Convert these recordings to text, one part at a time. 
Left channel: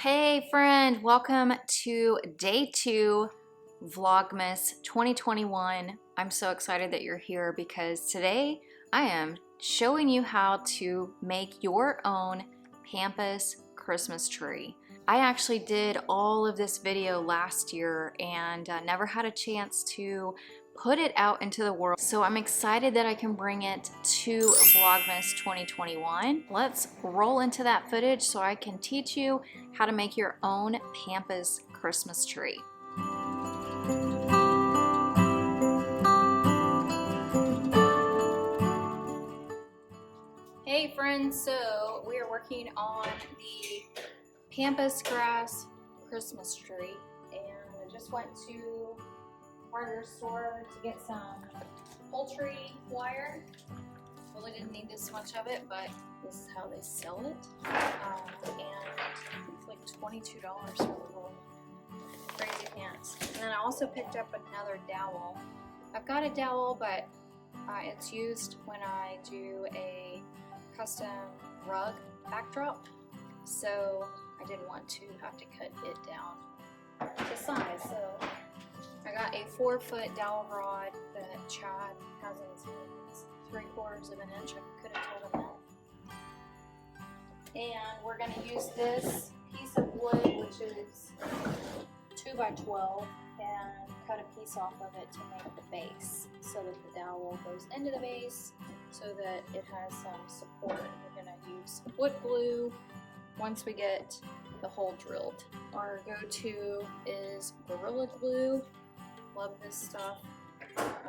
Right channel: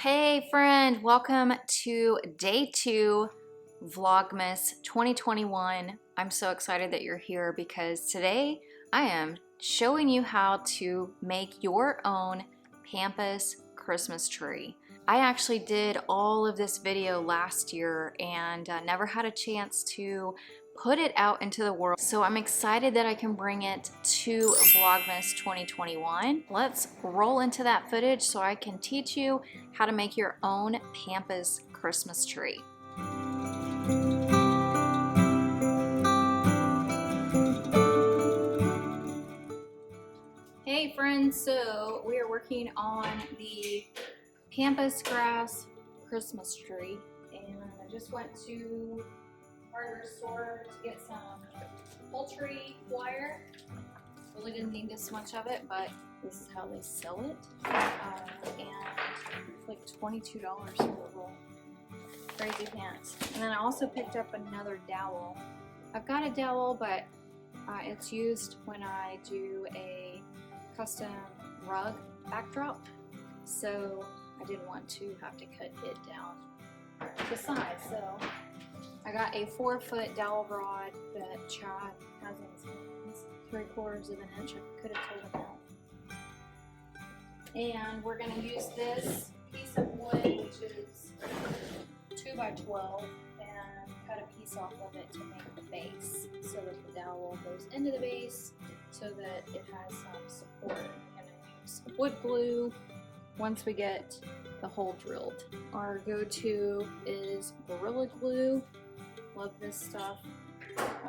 Hey friend, welcome to day 2 Vlogmas 2021. I'm so excited that you're here because today I am showing you how to make your own Pampas Christmas tree. I actually did all of this video last year and never had a chance to put it out into the world. So I'm excited that I can bring it to Vlogmas 2021. Let's roll into that footage so I can teach you how to make your own Pampas Christmas tree. Hey friends, so we are working on the Pampas Grass Christmas Tree, and I just went to hardware store to get some poultry wire. Really didn't need this much of it, but this is how they sell it, and it's like $22 for the roll. Crazy pants. And then I also picked up another dowel. I've got a dowel, but it's used when I do a custom rug backdrop, so I didn't want to have to cut it down to size. So I got a 4-foot dowel rod that Chad has in his hands, 3/4 of an inch. I could have told him that. And we're going to use this piece of wood, which is 2 by 12, and cut a piece off of it to make the base, so that the dowel goes into the base, so that it has some support. We're going to use wood glue once we get the hole drilled. Our go-to is Gorilla Glue. Love this stuff.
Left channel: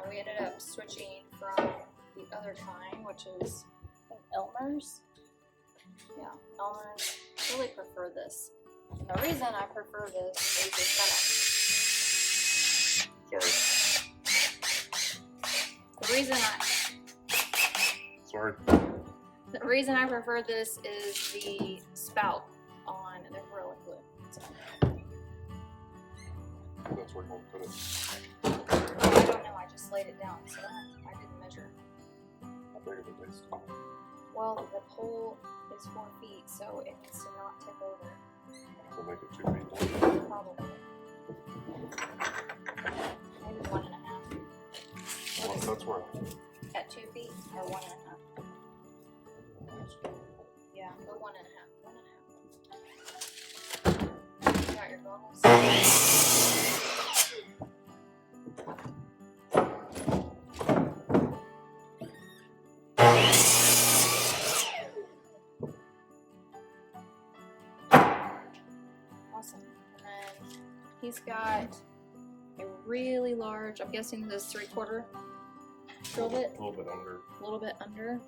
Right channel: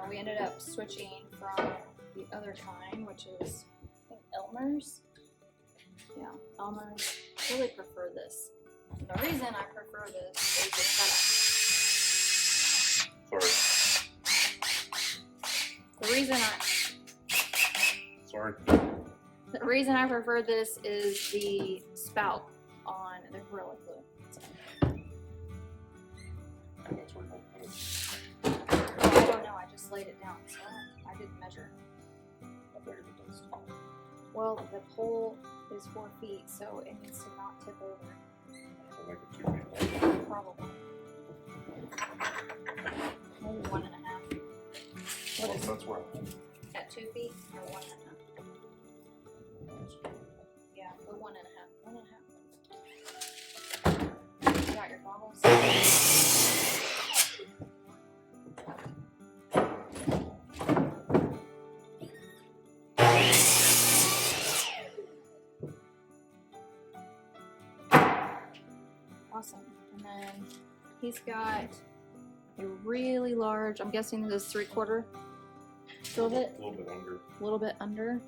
We ended up switching from the other kind, which is Elmer's. Yeah, Elmer's. Really prefer this. And the reason I prefer this is it's got a... The reason I prefer this is the spout on the Gorilla Glue. So. That's where you want to put it. I don't know, I just laid it down, so I didn't measure. How big is the base? Well, the pole is 4 feet, so it needs to not tip over. So make it 2 feet long. Probably. Maybe 1.5. Well, that's where. At 2 feet or 1.5? Yeah, but 1.5. 1.5. You got your goggles? Awesome. And then he's got a really large, I'm guessing this is 3/4 fillet. A little bit under. A little bit under,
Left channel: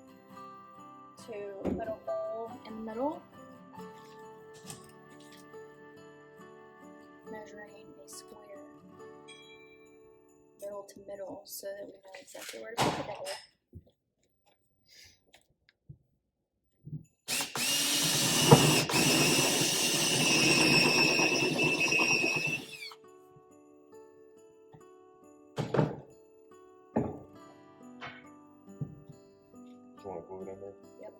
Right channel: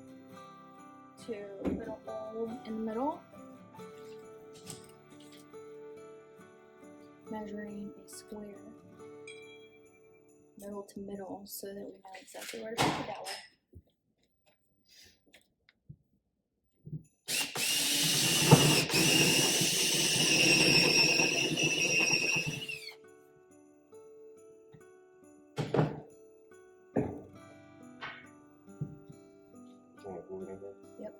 to put a hole in the middle. Measuring a square, middle to middle, so that we know exactly where to put the dowel. You want to glue it in there? Yep.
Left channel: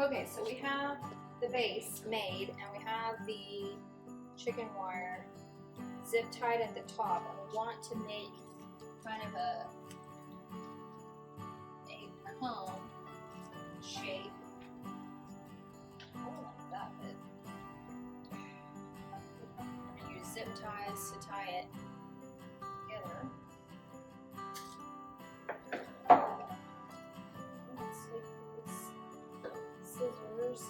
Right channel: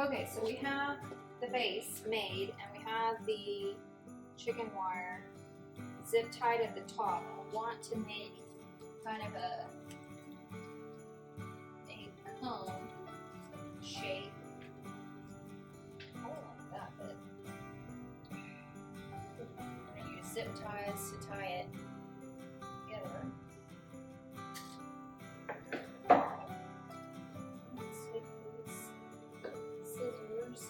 Okay, so we have the base made, and we have the chicken wire zip tied at the top. I want to make kind of a cone shape. I don't like that, but I'm going to use zip ties to tie it together. Scissors.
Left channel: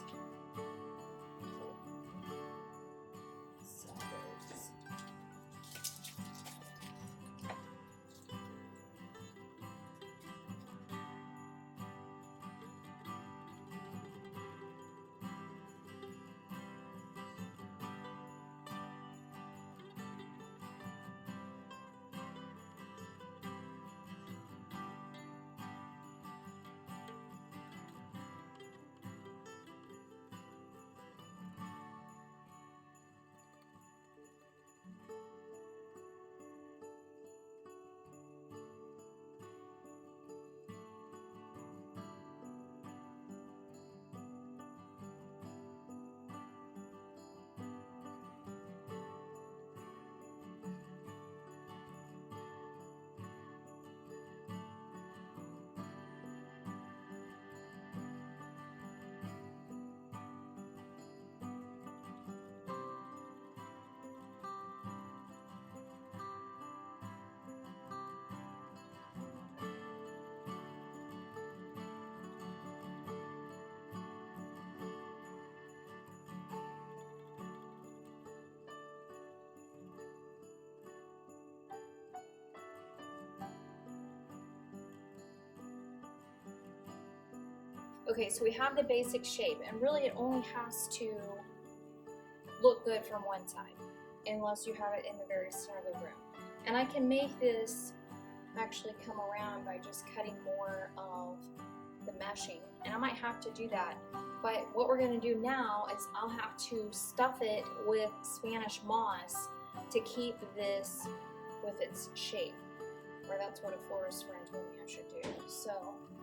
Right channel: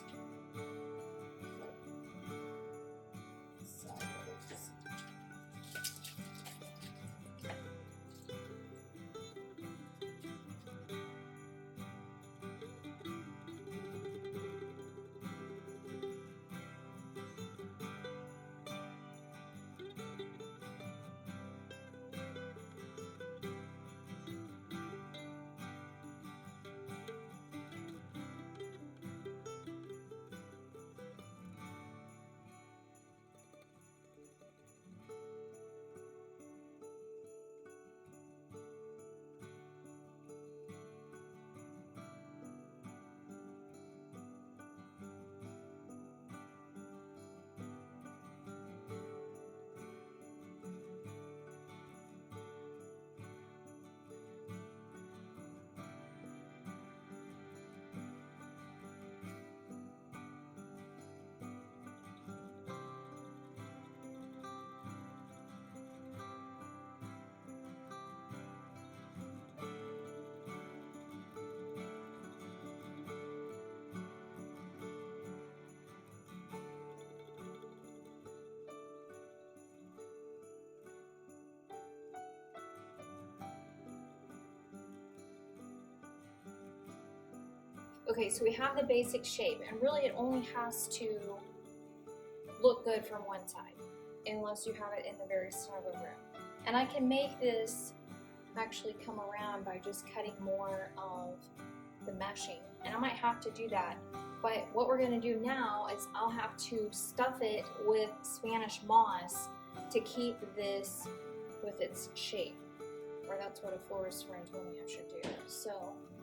Okay, so we have the basic shape, and really it only has to look good from one side, unless you have it in the very center of the room. And I can make this actually come around by just cutting more of the meshing, and I might have to do that. But what we're going to do now is I'll have to stuff it with Spanish moss to keep this with its shape, or that's what a florist friend told me I should do. So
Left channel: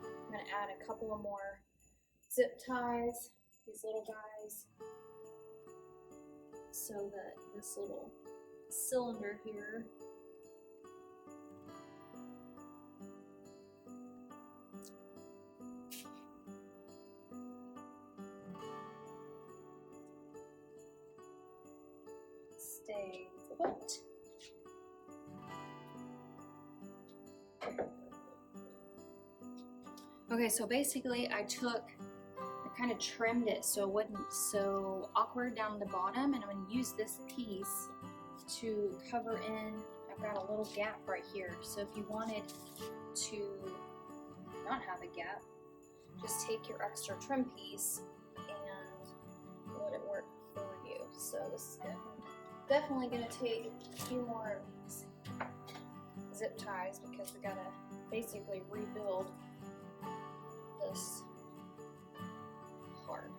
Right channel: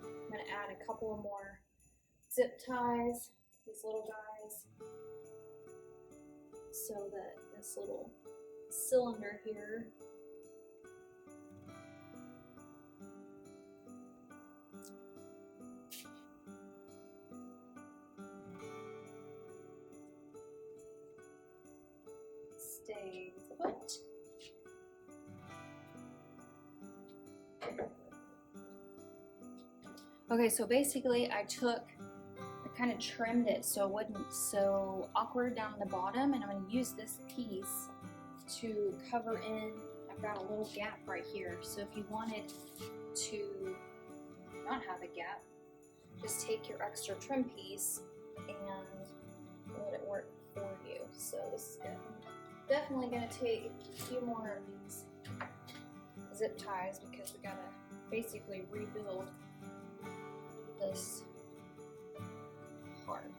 I'm going to add a couple of more zip ties, these little guys, so that this little cylinder here stays put. Okay, so basically I kind of trimmed it so it wasn't so awkward down the bottom, and I'm going to use this piece to cover in. I've got a little gap right here, so if you wanted to not have a gap, just take your extra trim piece and let it work for you. So this is definitely going to take a few more of these zip ties, because we got to basically rebuild this part.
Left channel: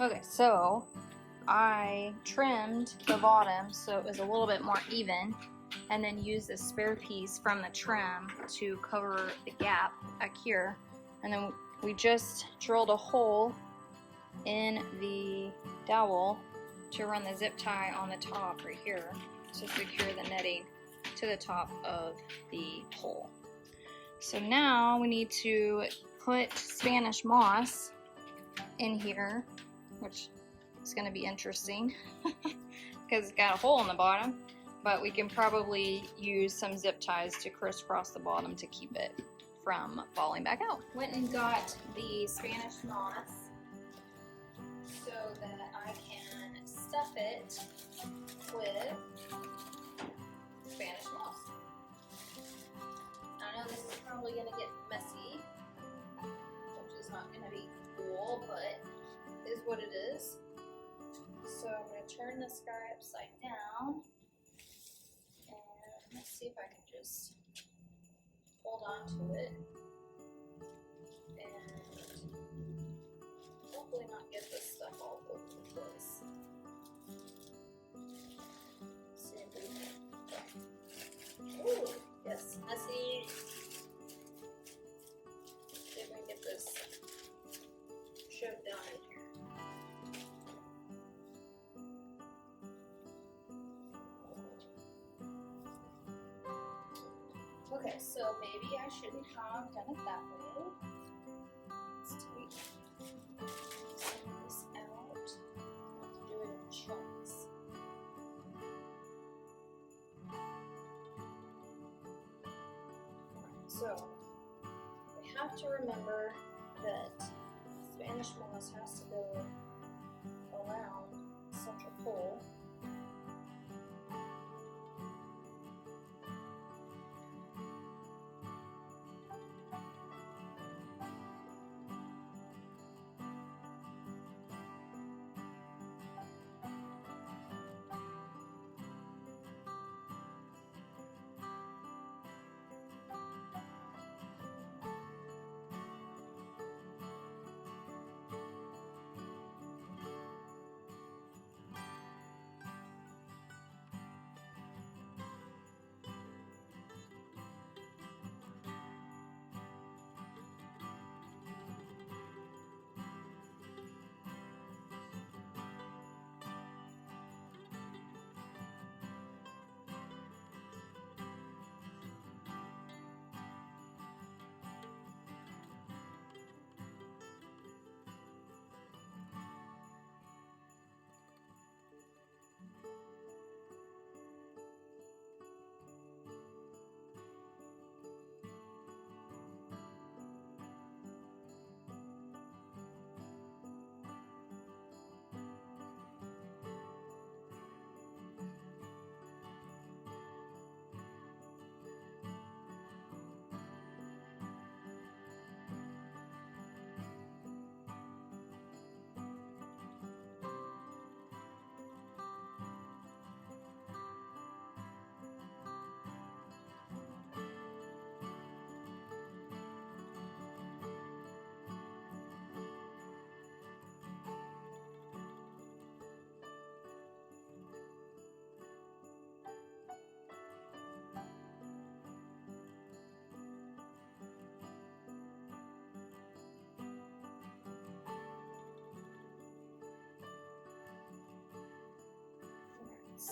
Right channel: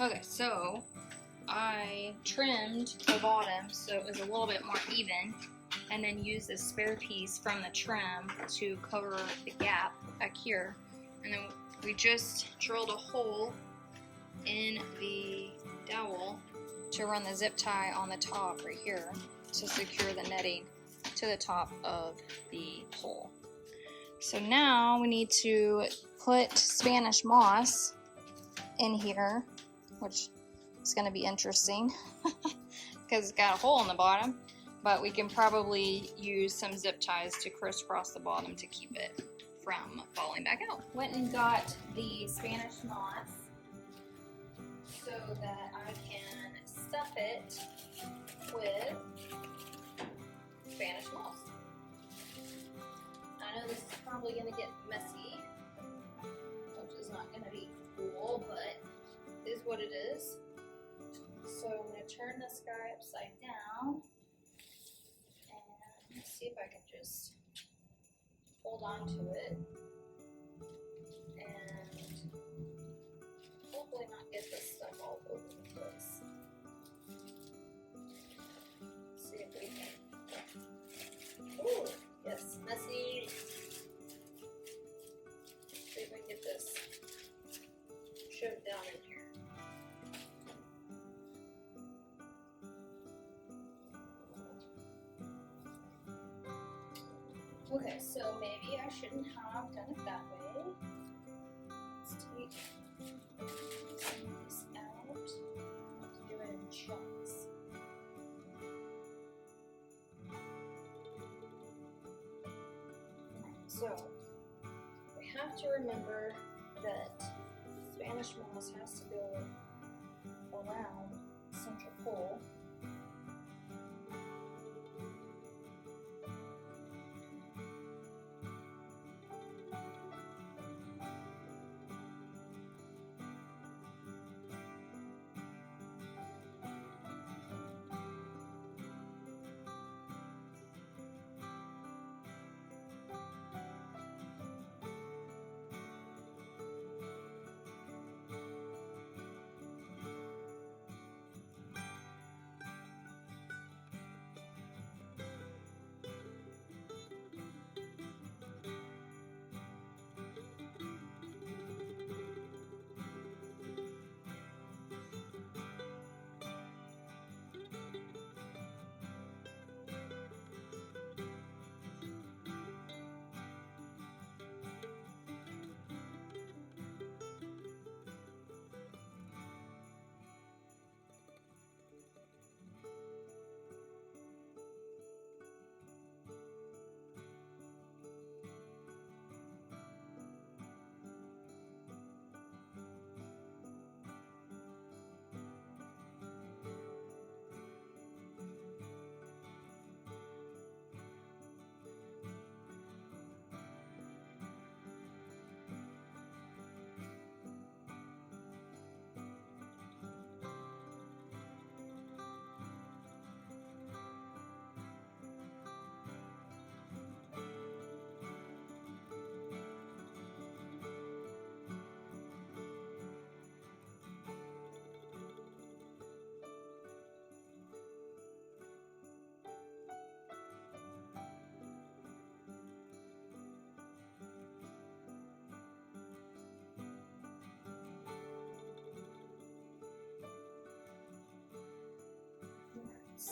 Okay, so I trimmed the bottom so it was a little bit more even, and then used this spare piece from the trim to cover the gap back here. And then we just drilled a hole in the dowel to run the zip tie on the top right here to secure the netting to the top of the hole. So now we need to put Spanish moss in here, which is going to be interesting because it's got a hole in the bottom, but we can probably use some zip ties to crisscross the bottom to keep it from falling back out. Went and got the Spanish moss so that I can stuff it with Spanish moss. I know this is probably going to get messy, which is not going to be cool, but is what it is. So I'm going to turn this guy upside down, and let's see if I can just hold on to it and hopefully not get this stuff all over the place. Let's see if we can. Ooh, yes, messy. See if we can get this shoved down in here. Okay, so maybe I shouldn't have done it that way. Let's take some of this out. I have to do it in chunks. So we have to remember that Spanish moss has to go around the central pole.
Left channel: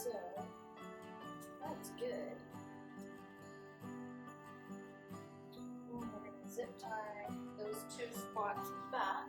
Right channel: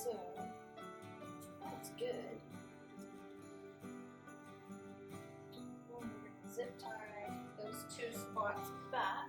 So that's good. And we're gonna zip tie those two spots back.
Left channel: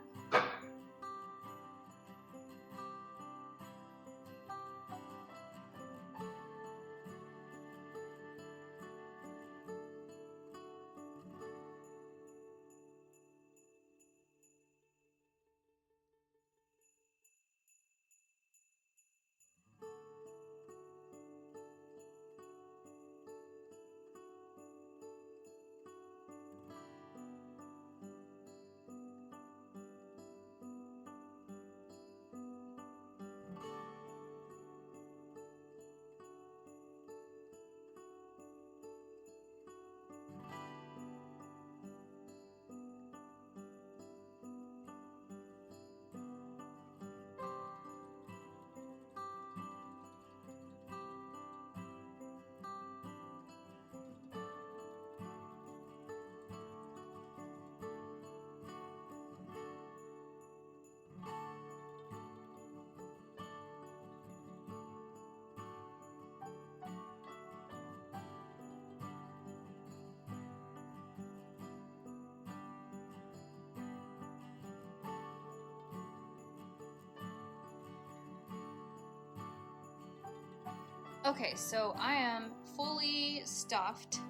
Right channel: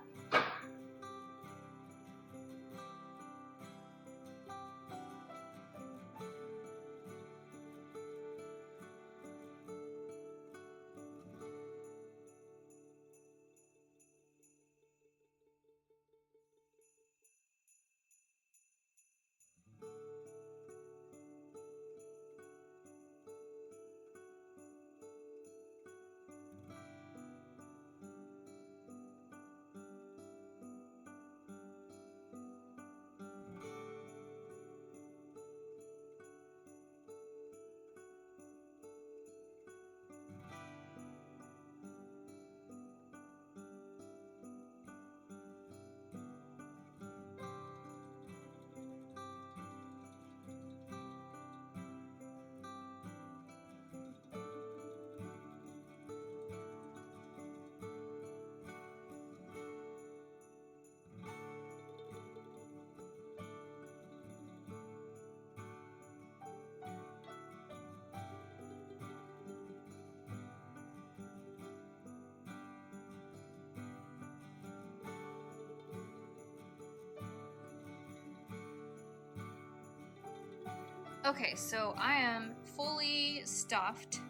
Okay, so I am fully stuffed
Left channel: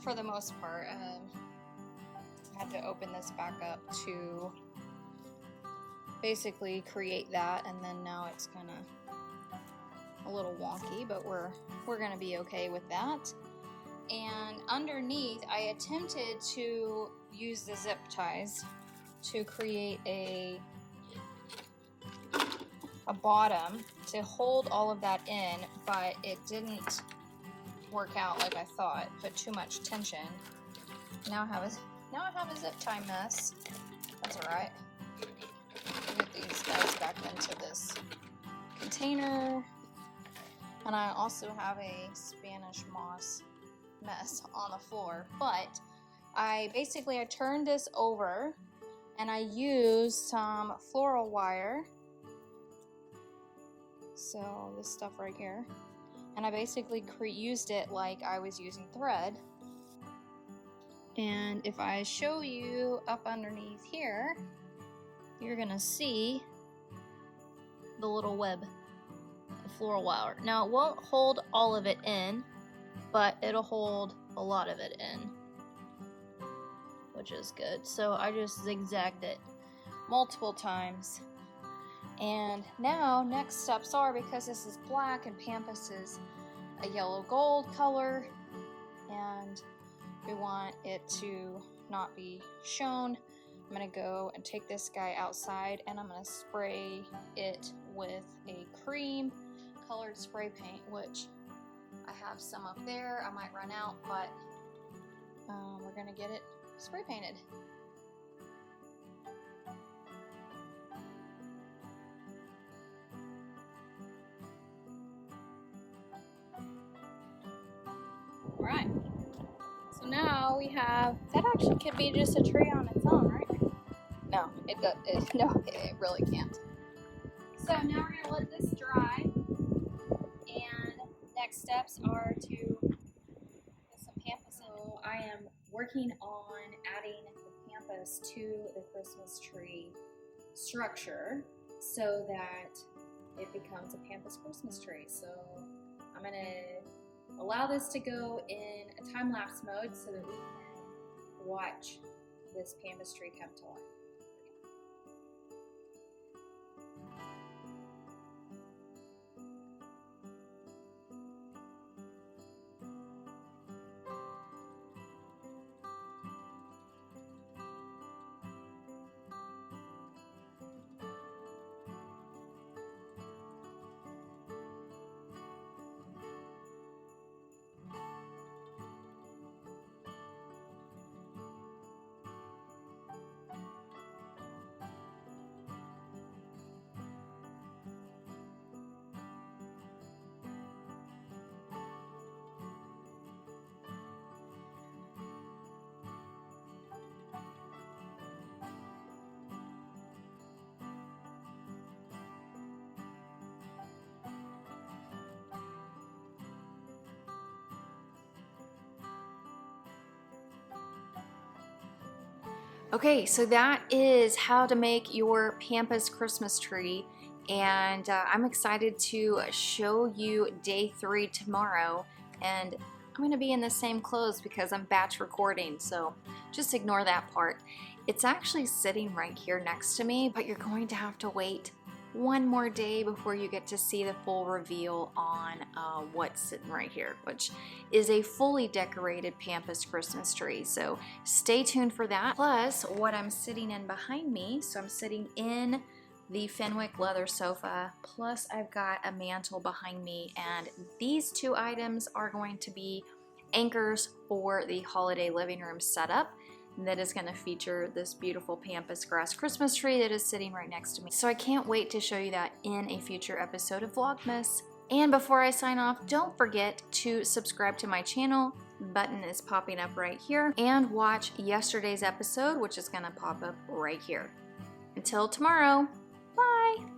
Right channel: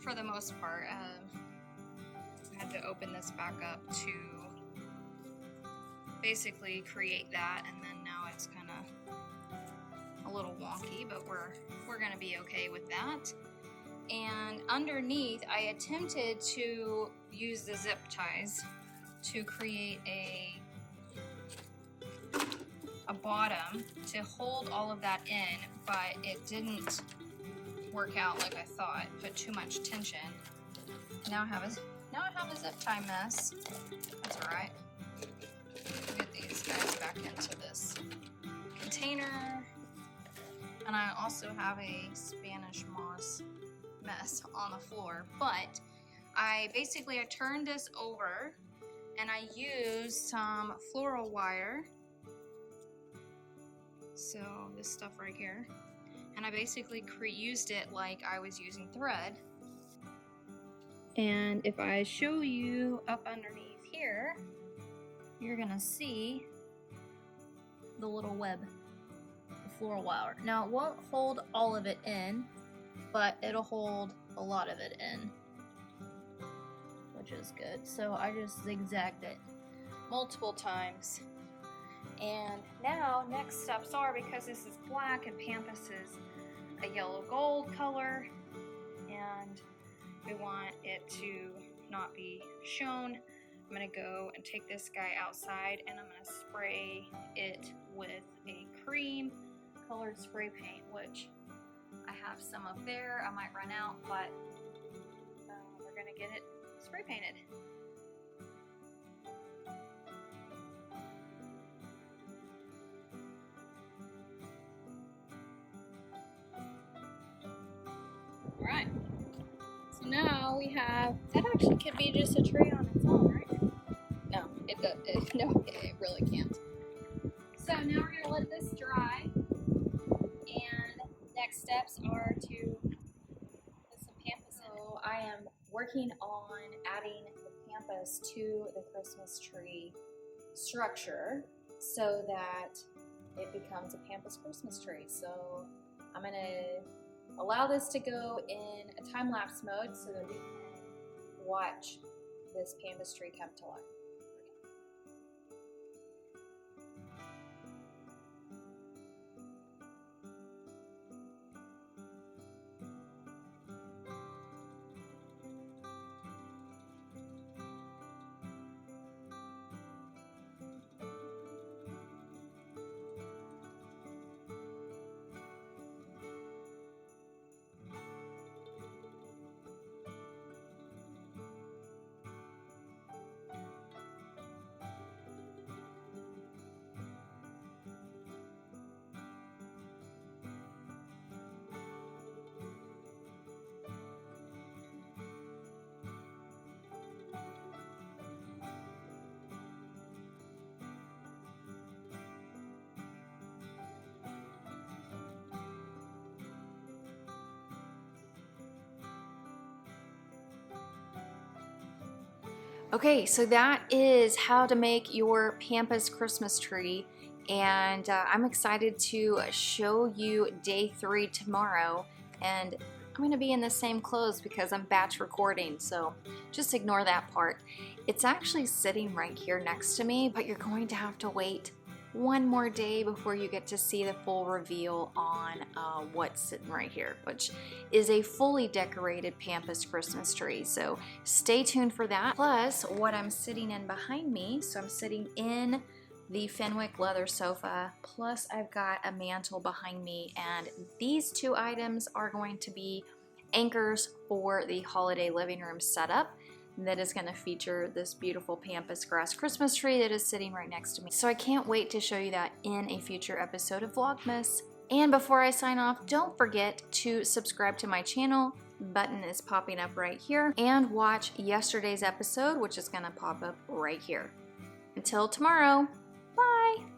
for the most part. I had to open this back up to basically create that, and then now it's kind of a little wonky, but we're gonna be okay with that. And underneath, I attempted to use the zip ties to create a bottom to hold all of that in, but it didn't work out like I thought. Put too much tension. Now I have a zip tie mess. That's all right. Get these guys back into this container, and I also have a Spanish moss mess on the floor. But I turned this over, and I used some floral wire. So this stuff right here, and I basically used it like I was using thread. And if I show you up underneath here, you're gonna see the little web, the floral wire. Now it won't hold all of it in, but it'll hold a lot of it in, which is good. So I just zigzagged it multiple times. And now next steps are, because this is black and Pampas is a yellow gold color, and we want it to not be shown, I'm gonna go and take this guy outside, and I'm gonna spray it with a cream colored spray paint, which I have some up there. I might run out, but we're gonna get it spray painted. Alright, so now we have, that actually could be just a tree on its own, right? No, it really can't. So now we're going to let this dry, and next steps are to put some Pampas in. So I am working on adding the Pampas to the Christmas tree structure so that it becomes a Pampas Christmas tree. So I'm going to allow this to go in a time-lapse mode so that we can watch this Pampas tree come to life. Okay, so that is how to make your Pampas Christmas tree, and I'm excited to show you day 3 tomorrow, and I'm going to be in the same clothes because I'm batch recording, so just ignore that part. It's actually sitting right here next to me, but you're going to have to wait one more day before you get to see the full reveal on what's sitting right here, which is a fully decorated Pampas Christmas tree. So stay tuned for that. Plus what I'm sitting in behind me. So I'm sitting in the Fenwick leather sofa, plus I've got a mantle behind me, and these 2 items are going to be anchors for the holiday living room setup that is going to feature this beautiful Pampas Grass Christmas tree that is sitting right next to me. So I can't wait to show you that in a future episode of Vlogmas. And before I sign off, don't forget to subscribe to my channel. The button is popping up right here. And watch yesterday's episode, which is going to pop up right here. Until tomorrow, bye!